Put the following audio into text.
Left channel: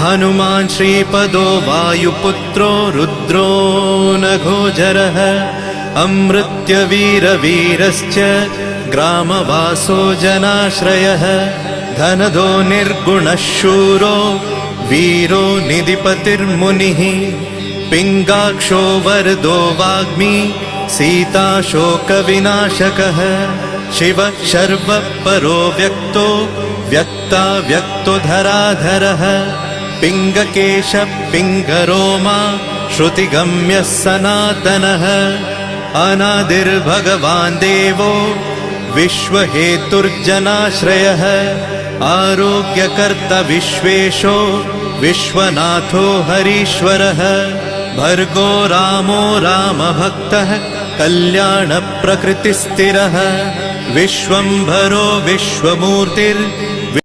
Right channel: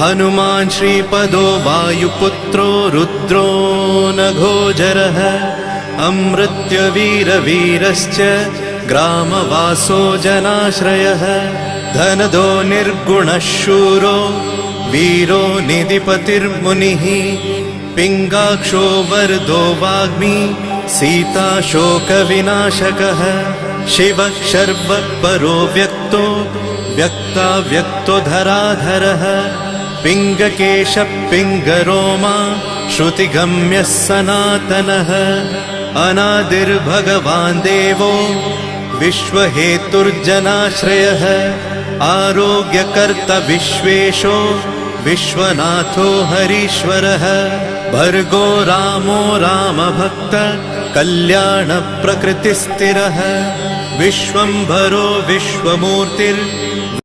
हनुमान् श्रीपदो वायुपुत्रो रुद्रो नघोजरः अमृत्यवीरवीरश्च ग्रामवासो जनाश्रयः धनदो निर्गुणः शूरो वीरो निधिपतिर्मुनिः पिङ्गाक्षो वरदो वाग्मी सीता शोकविनाशकः शिवः शर्वः परो व्यक्तो व्यक्तो धराधरः पिङ्गकेशः पिङ्गरोमा श्रुतिगम्यः सनातनः अनादिर्भगवान् देवो विश्वहेतुर्जनाश्रयः आरोग्यकर्ता विश्वेशो विश्वनाथो हरीश्वरः भर्गो रामो रामभक्तः कल्याणप्रकृतिस्थिरः विश्वम्भरो विश्वमूर्तिर्